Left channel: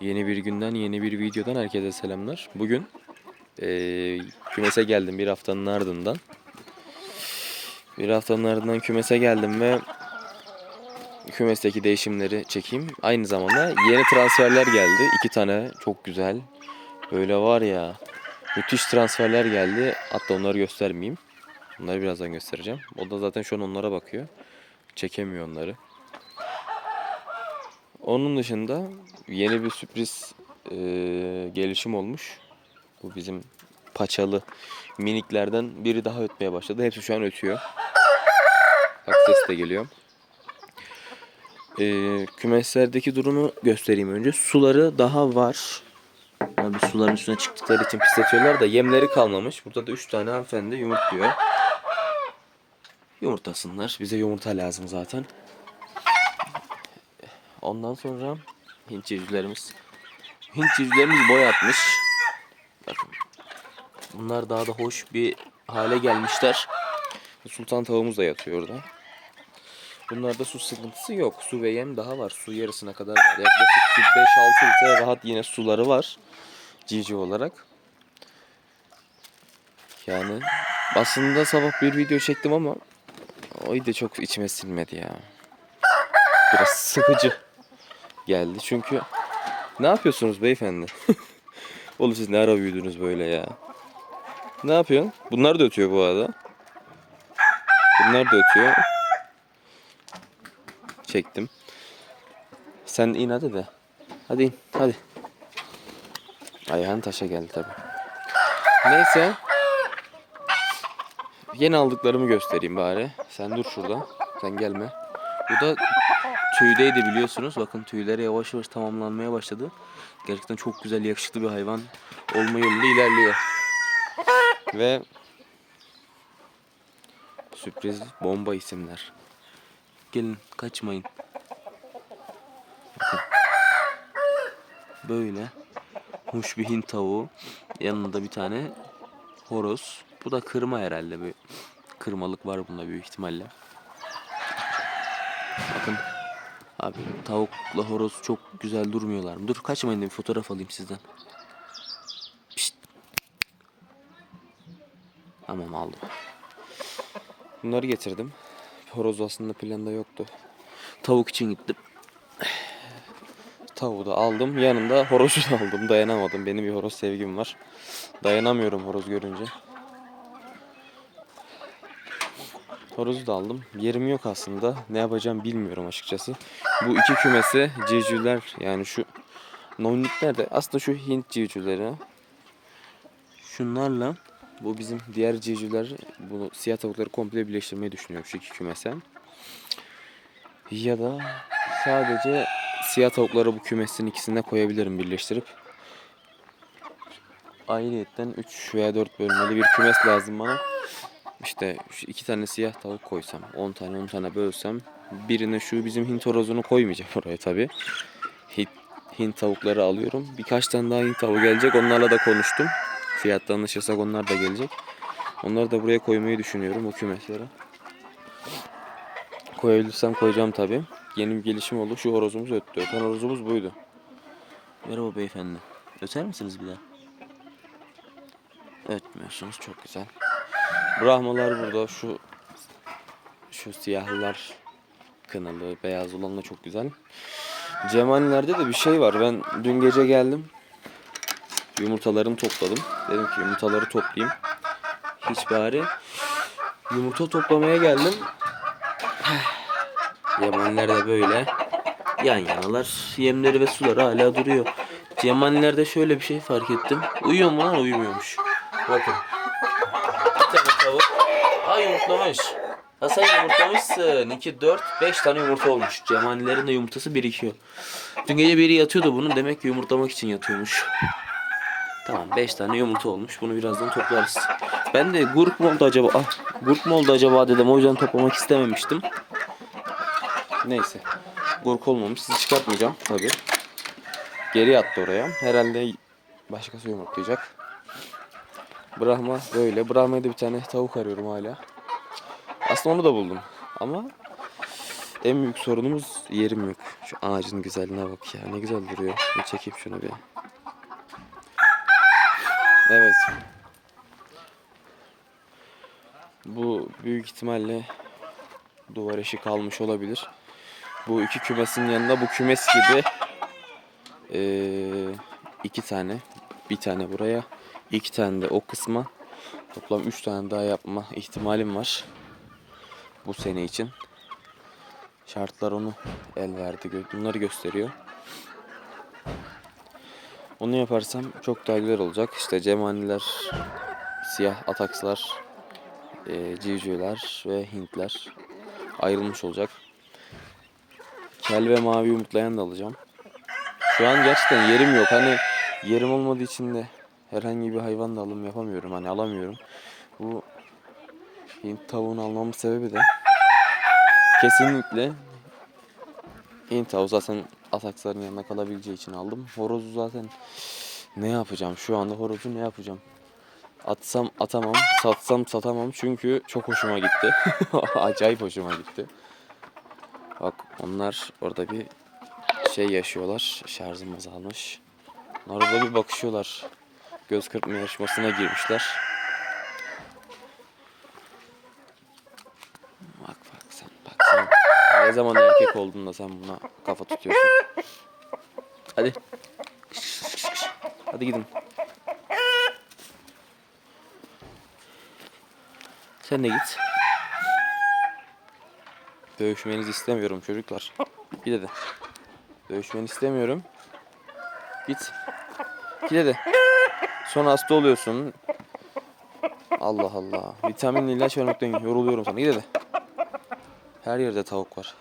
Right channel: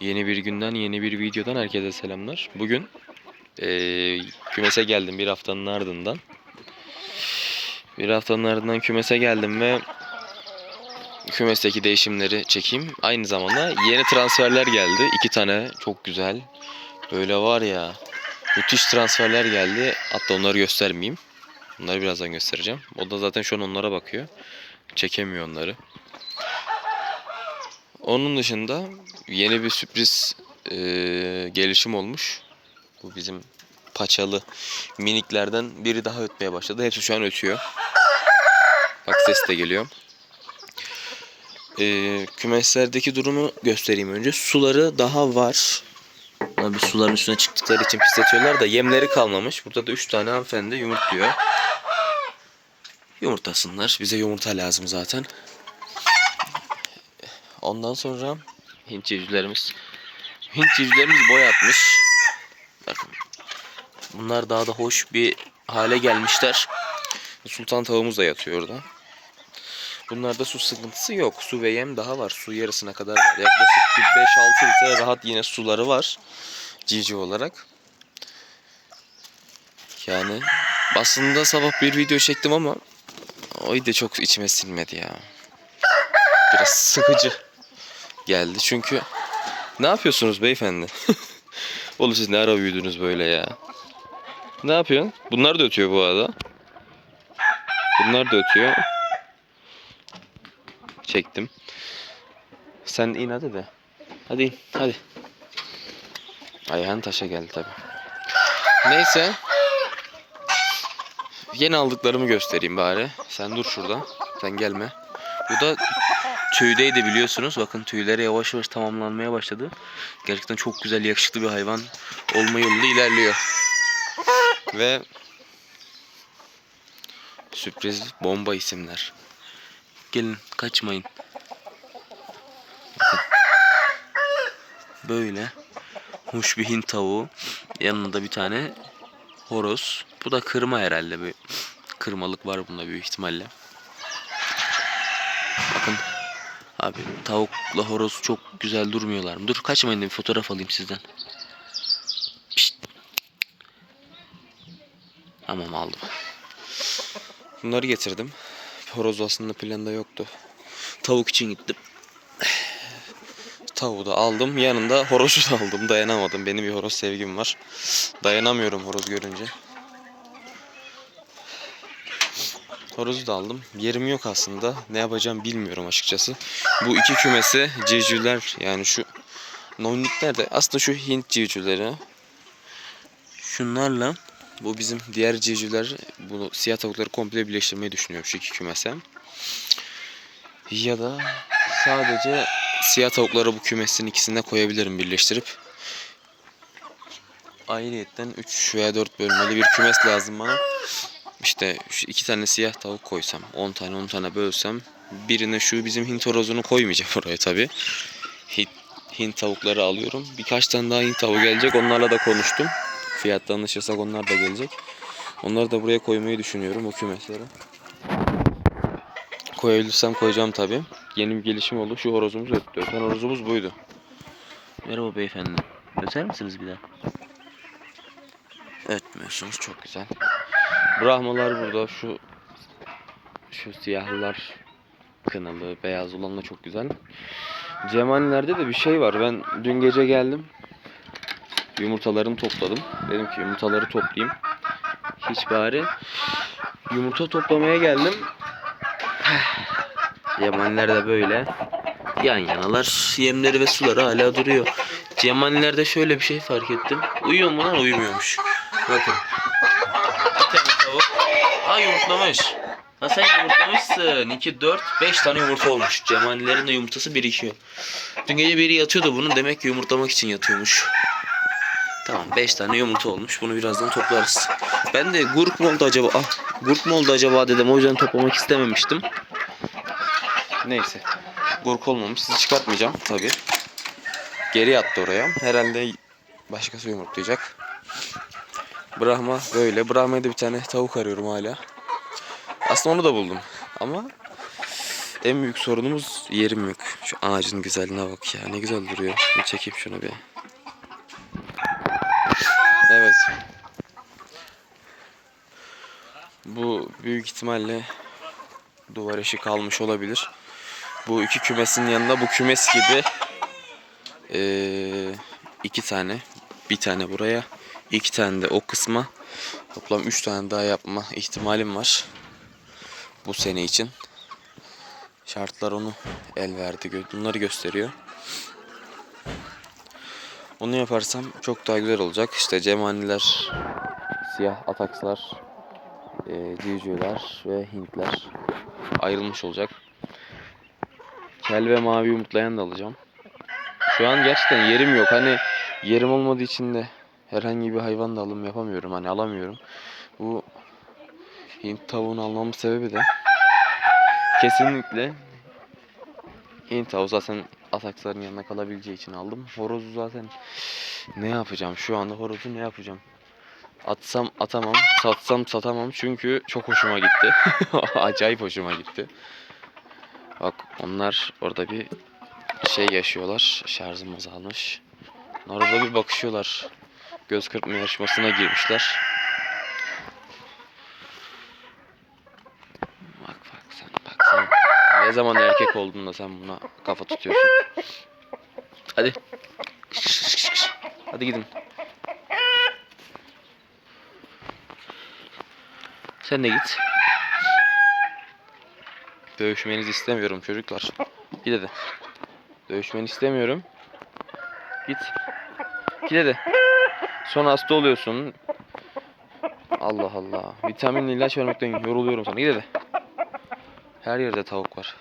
Yeni bir günden, yeni bir videodan herkese selamlar. Bugün eee, kümese geldim bir haftanın ardından. Bir haftanın ardından kümese geldim ve kümesteki değişimleri çekeyim. Aynı zamanda yeni transferler geldi. İki tane çok güzel. Böyle var ya müthiş transferler geldi. Hatta onları göstermeyeyim. Onları birazdan göstereceğim. O da zaten şu an onlara bakıyor. Çekemiyor onları. Onun dışında yeni bir sürpriz eee, gelişim olmuş. Bu bizim paçalı miniklerden biri daha ötmeye başladı. Hepsi şu an ötüyor. Bak ses de geliyor. Eee, kümeslerdeki durumu göstereyim önce. Suları daha var. Abi suların üstüne çıktıkları için pisletiyorlar da yemleri kalmamış. Burada da 3 tane hanımefendi yumurtluyor. Yumurtasınlar. Bize yumurta lazım zaten. Ondan sonra Hint civcivlerimiz Hint civcivlerimiz boy atmış. Bakın. Bunlar daha da hoş bir hale gelmişler. Sultan tavuğumuz da yatıyor orada. Bunlarda su sıkıntısı yok. Su ve yem daha var. Su yarısına kadar var. Yaklaşık bir 5-6 litre rahat yine suları var. Civciv olarak. Yani aslında sabah bir video çektim ama o da çok içime sinmedi ya. Biraz sıkıcı geldi. Çünkü ne yapıyorsunuz beyefendi? Oğlum siz ne ara büyüdünüz böyle ya? Ne yapıyorsun? Bunlar da ötüyor bu arada. Bunlar da ötüyor. Çektim. Sen in hadi de. Hadi in. Hadi. Ayağın taşa geldi tabi. Neyse. Yeni aldıklarımı göstereyim bari. Sen dur şurada. Sen gelme. Bu da tüydeydi biliyorsunuz. Bakın tüyleri yavaş yavaş tamamlanmaya başladı. Gerçekten çok güzel, yakışıklı bir hayvan olma yolunda ilerliyor. Ve sürpriz bomba isimler. Gelin kaçmayın. Bakın. Böyle hoş bir Hint tavuğu. Yanında bir tane horoz. Bu da kırma herhalde. Bir kırmalık var bunda büyük ihtimalle. Bakın Abi tavukla horoz çok güzel durmuyorlar mı? Dur kaçmayın bir fotoğraf alayım sizden. Pişt. Tamam aldım. Bunları getirdim. Horoz aslında planda yoktu. Tavuk için gittim. Tavuğu da aldım. Yanında horozu da aldım. Dayanamadım. Benim bir horoz sevgim var. Dayanamıyorum horoz görünce. Horozu da aldım. Yerim yok aslında. Ne yapacağım bilmiyorum açıkçası. Bu iki kümese civcivler yani şu nonnikler de aslında şu Hint civcivleri. Şunlarla bu bizim diğer civcivler bu siyah tavukları komple birleştirmeyi düşünüyorum şu iki kümese. Ya da sadece siyah tavukları bu kümesin ikisine koyabilirim birleştirip. Ayrıyetten 3 veya 4 bölmeli bir kümes lazım bana. İşte şu iki tane siyah tavuk koysam, 10 tane 10 tane bölsem birine şu bizim Hint horozunu koymayacağım oraya tabi. Hint, Hint tavukları alıyorum. Birkaç tane daha Hint tavuğu gelecek. Onlarla da konuştum. Fiyatta anlaşırsak onlar da gelecek. Onları da buraya koymayı düşünüyorum o kümeslere. Koyabilirsem koyacağım tabi. Yeni bir gelişim oldu. Şu horozumuz öttü. Öten horozumuz buydu. Merhaba beyefendi. Öter misiniz bir daha? Ötmüyorsunuz. Çok güzel. Brahmalar burada. Şu şu siyahlılar kınalı, beyaz olan da çok güzel. Cemalilerde de bir şey var. Ben dün gece geldim. Yumurtalarımı topladım. Dedim ki yumurtaları toplayayım. Hiç bari. Yumurta toplamaya geldim. Cemaliler de böyle. Yan yanalar. Yemleri ve suları hala duruyor. Cemalilerde şöyle bir şey fark ettim. Uyuyor mu lan? Uyumuyormuş. Bakın. Yumurtlamış. Ha sen yumurtlamışsın. 2, 4, 5 tane yumurta olmuş. Cemalilerin de yumurtası birikiyor. Dün gece biri yatıyordu bunun. Demek ki yumurtlamak için yatıyormuş. Tamam 5 tane yumurta olmuş. Bunu birazdan toplarız. Ben de gurk mu oldu acaba? Ah, gurk mu oldu acaba dedim. O yüzden toplamak istememiştim. Neyse. Gurk olmamış. Sizi çıkartmayacağım tabii. Geri yattı oraya. Herhalde başkası yumurtlayacak. Brahma böyle. Brahma'ya da bir tane tavuk arıyorum hala. Aslında onu da buldum. Ama en büyük sorunumuz yerim yok. Şu ağacın güzelliğine bak ya. Ne güzel duruyor. Bir çekeyim şunu bir. Evet. Bu büyük ihtimalle duvar eşi kalmış olabilir. Bu iki kümesin yanında bu kümes gibi eee, iki tane. Bir tane buraya. İki tane de o kısma. Toplam üç tane daha yapma ihtimalim var. Bu sene için. Şartlar onu el verdi. Bunları gösteriyor. Onu yaparsam çok daha güzel olacak. İşte cemaniler, siyah atakslar, e, ve hintler ayrılmış olacak. Kel ve mavi umutlayan da alacağım. Şu an gerçekten yerim yok. Hani yerim olmadığı için de herhangi bir hayvan da alım yapamıyorum. Hani alamıyorum. Bu Hint tavuğunu almamın sebebi de kesinlikle Hint tavuğu zaten ataksların yanına kalabileceği için aldım. Horozu zaten ne yapacağım? Şu anda horozu ne yapacağım? Atsam atamam, satsam satamam çünkü çok hoşuma gitti. Acayip hoşuma gitti. Bak onlar orada bir şey yaşıyorlar. Şarjım azalmış. Onlar orada bir bakışıyorlar. Göz kırpma yarışmasına girmişler. Bak bak sen bak sen. Ne zaman erkek oldun da sen buna kafa tutuyorsun. Hadi. Hadi gidin. Sen de git. Dövüşmenizi istemiyorum çocuklar. Git hadi. Dövüşmeni istemiyorum. Git. Git hadi. Sonra hasta oluyorsun. Allah Allah. Vitaminli ilaç vermekten yoruluyorum sana. Git hadi. Her yerde tavuk var.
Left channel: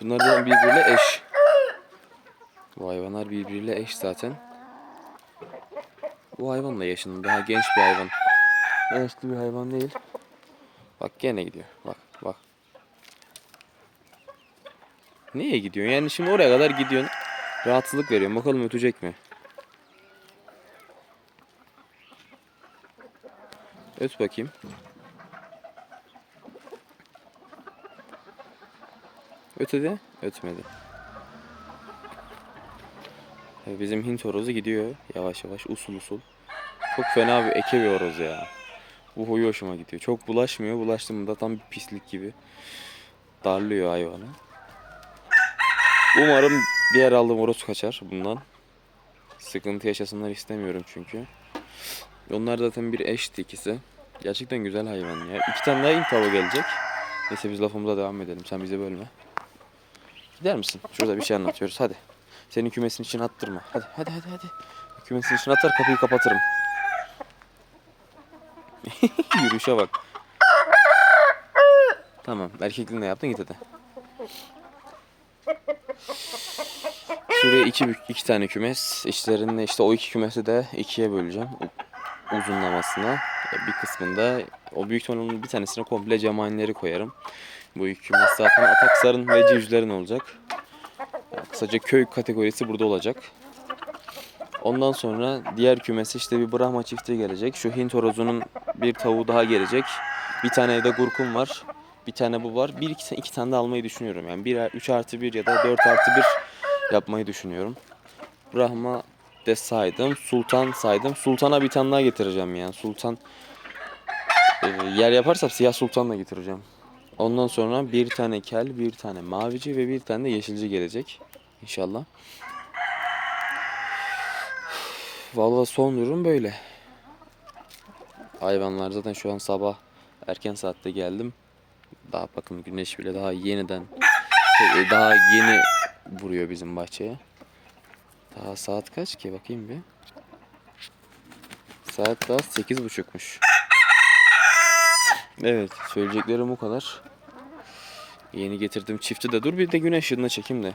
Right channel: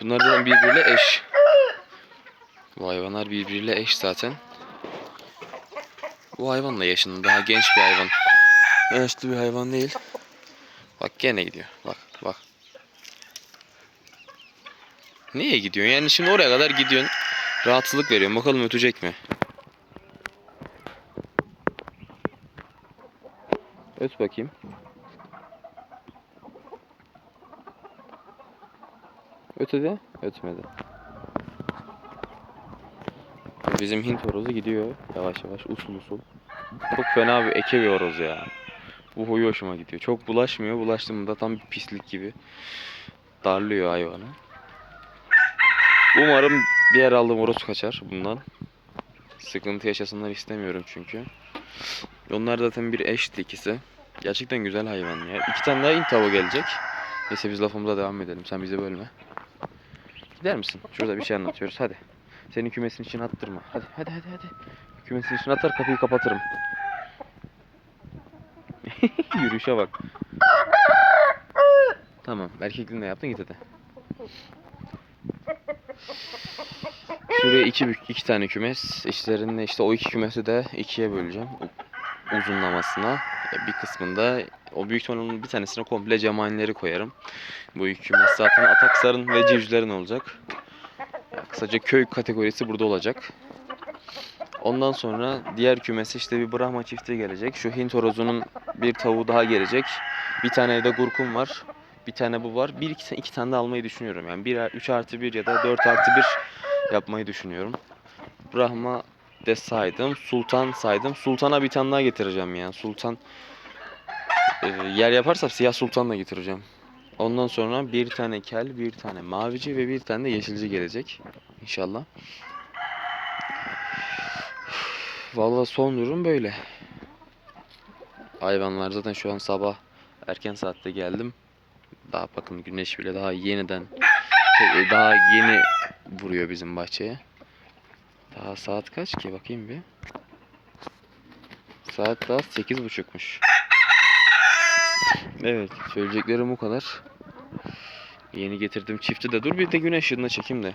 Bunlar zaten birbiriyle eş. Bu hayvanlar birbiriyle eş zaten. Bu hayvan da yaşında. Daha genç bir hayvan. Yaşlı bir hayvan değil. Bak gene gidiyor. Bak bak. Niye gidiyorsun? Yani şimdi oraya kadar gidiyorsun. Rahatsızlık veriyorsun. Bakalım ötecek mi? Öt bakayım. Ötedi. Ötmedi. Bizim Hint horozu gidiyor yavaş yavaş usul usul. Çok fena bir eke bir horoz ya. Bu huyu hoşuma gidiyor. Çok bulaşmıyor. Bulaştığında tam bir pislik gibi. Darlıyor hayvanı. Umarım diğer aldığım horoz kaçar bundan. Sıkıntı yaşasınlar istemiyorum çünkü. Onlar zaten bir eşti ikisi. Gerçekten güzel hayvan ya. İki tane daha Hint tavuğu gelecek. Neyse biz lafımıza devam edelim. Sen bizi bölme. Gider misin? Şurada bir şey anlatıyoruz. Hadi. Senin kümesin için attırma. Hadi hadi hadi hadi. Kümesin için atar kapıyı kapatırım. Yürüyüşe bak. Tamam. Erkekliğini yaptın git hadi. Şuraya iki, iki tane kümes. İçlerinde işte o iki kümesi de ikiye böleceğim. Uzunlamasına. Bir kısmında o büyük ihtimalle bir tanesine komple cemanileri koyarım. Bu iki kümes zaten ataksarın ve civcivlerin olacak. Yani kısaca köy kategorisi burada olacak. Ondan sonra diğer kümesi işte bir Brahma çifti gelecek. Şu Hint horozunun bir tavuğu daha gelecek. Bir tane de gurkum var. Bir tane bu var. Bir iki, iki tane de almayı düşünüyorum. Yani 1, 3 artı 1 ya da 4 artı 1 yapmayı düşünüyorum. Brahma de saydım. Sultan saydım. Sultan'a bir tane daha getireceğim yani. Sultan e, yer yaparsam siyah sultan da getireceğim. Ondan sonra bir tane kel, bir tane mavici ve bir tane de yeşilci gelecek. İnşallah. Vallahi son durum böyle. Hayvanlar zaten şu an sabah erken saatte geldim. Daha bakın güneş bile daha yeniden şey, daha yeni vuruyor bizim bahçeye. Daha saat kaç ki bakayım bir. Saat daha sekiz buçukmuş. Evet söyleyeceklerim bu kadar. Yeni getirdim çifti de dur bir de güneş ışığında çekeyim de.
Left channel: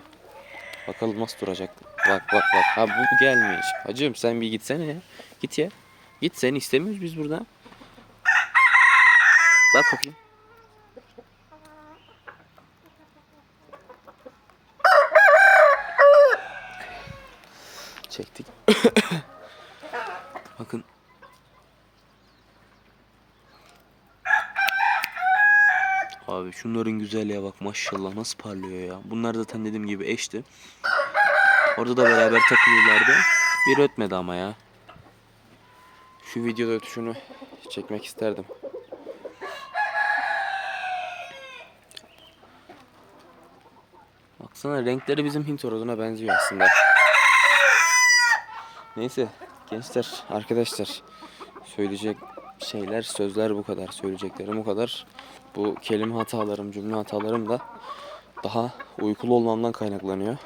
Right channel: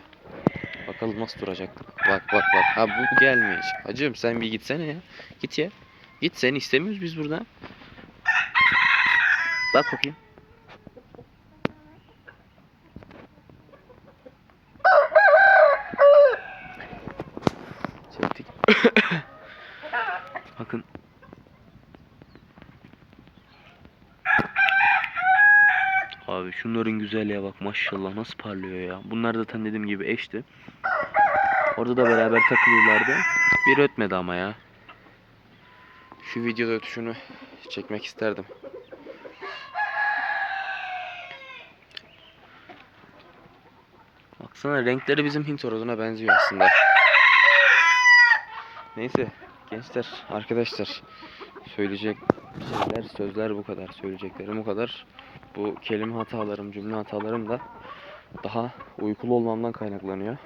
Bakalım nasıl duracak. Bak bak bak. Ha bu gelmiş. Hacım sen bir gitsene ya. Git ya. Git seni istemiyoruz biz burada. Bak bakayım. Çektik. Bakın. Abi şunların güzelliğe bak maşallah nasıl parlıyor ya. Bunlar zaten dediğim gibi eşti. Orada da beraber takılıyorlardı. Bir ötmedi ama ya. Şu videoda ötüşünü çekmek isterdim. Baksana renkleri bizim Hint horozuna benziyor aslında. Neyse gençler arkadaşlar söyleyecek şeyler sözler bu kadar söyleyeceklerim bu kadar. Bu kelime hatalarım cümle hatalarım da daha uykulu olmamdan kaynaklanıyor.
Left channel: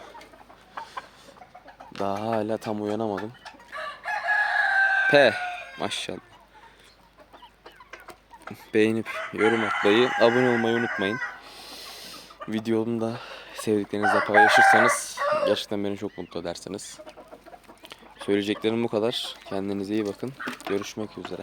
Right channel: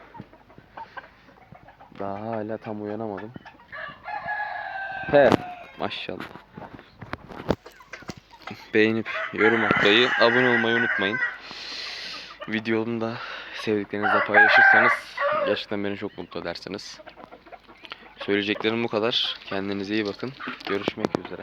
Daha hala tam uyanamadım. He maşallah. Beğenip yorum atmayı, abone olmayı unutmayın. Videomu da sevdiklerinizle paylaşırsanız gerçekten beni çok mutlu edersiniz. Söyleyeceklerim bu kadar. Kendinize iyi bakın. Görüşmek üzere.